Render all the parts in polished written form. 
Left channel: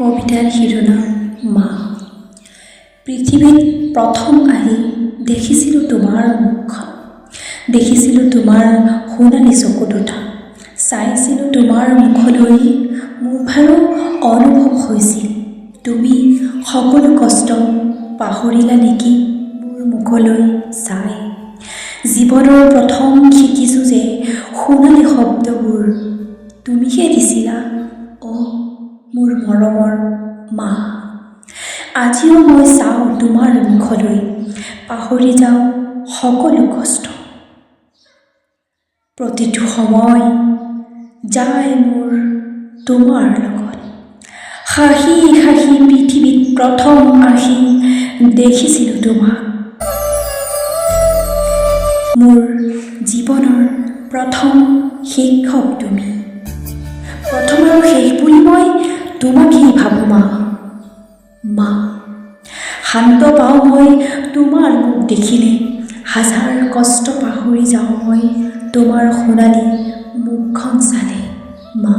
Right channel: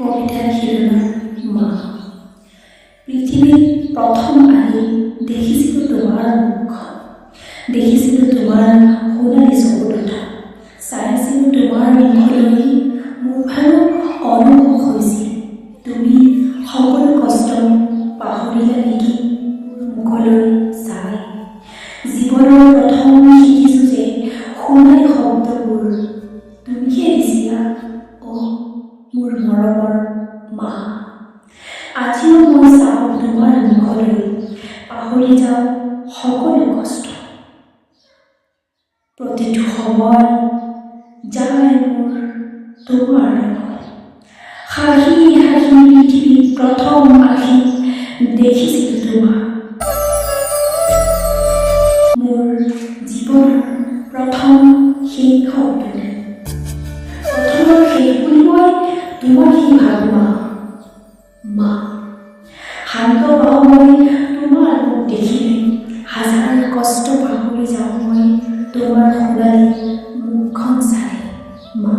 কবিতাৰ শিৰোনাম মা। পৃথিৱীত প্ৰথম আহি দেখিছিলোঁ তোমাৰ মুখখন, দেখিছিলোঁ তোমাৰ সোণালী চকু দুটা, চাইছিলোঁ তোমাৰ মুখলৈ, মোৰ ভাৰো অনুভৱ হৈছিল তুমি সকলো কষ্ট পাহৰিলা নেকি মোৰ মুখলৈ চাই। জীৱনৰ প্ৰথম শিকিছোঁ যে সোণালী শব্দবোৰ তুমিহে দিছিলা, মোৰ মৰমৰ মা। আজিও মই চাওঁ তোমাৰ মুখলৈ, পাহৰি যাওঁ সকলো কষ্ট। প্ৰতিটো সময় যায় মোৰ তোমাৰ লগত, হাঁহি হাঁহি পৃথিৱীত প্ৰথম আহি দেখিছিলোঁ তোমাক। মোৰ জীৱনৰ প্ৰথম শিক্ষক তুমি, প্ৰথম আৰু শেষ বুলি মই তোমাকেই ভাবোঁ মা। মা, শান্ত পাওঁ মই তোমাৰ মুখ দেখিলে, হাজাৰ কষ্ট পাহৰি যাওঁ মই তোমাৰ সোণালী মুখখন চালে মা।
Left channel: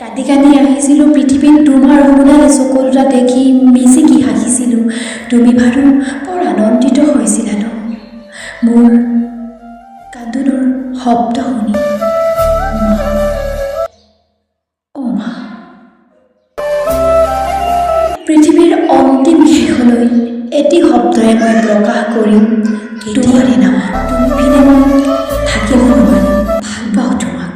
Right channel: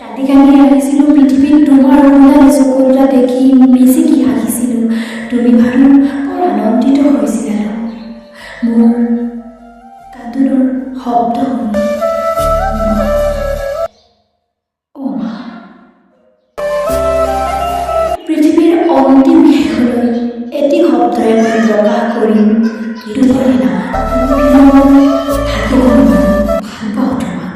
কান্দি কান্দি আহিছিলোঁ পৃথিৱীত তোমাৰ সোণালী চকু দুটা দেখি, মিচিকি হাঁহিছিলোঁ তুমি বাৰু বৰ আনন্দিত হৈছিলা ন মোৰ কান্দোনৰ শব্দ শুনি। পৃথিৱীৰ অন্তিম শেষলৈ এটি শব্দৰে মই প্ৰকাশ কৰিম তোমাৰ নাম। তুমি বিনা থাকিব নোৱাৰো, ভাল পাওঁ তোমাক।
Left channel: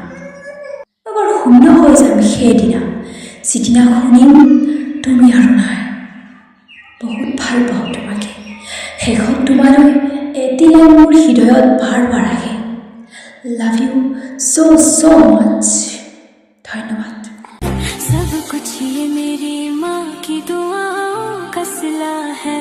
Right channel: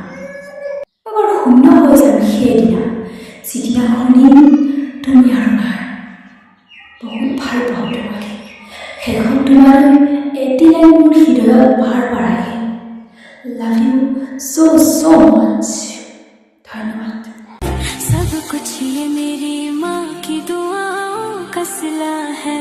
মই বৰ শূন্য হৈ যাম সেইদিনা, যিদিনা শুনিম তুমি আৰু নাই। বহুত ভাল পাওঁ তোমাকে, শেষত তোমালৈ এতিয়াও মোৰ হৃদয়ত বাৰ বাৰ আহে। লাভ ইউ ছ' মাছ। ধন্যবাদ। सब कुछ ये मेरी माँ की दुआओं का सिला है।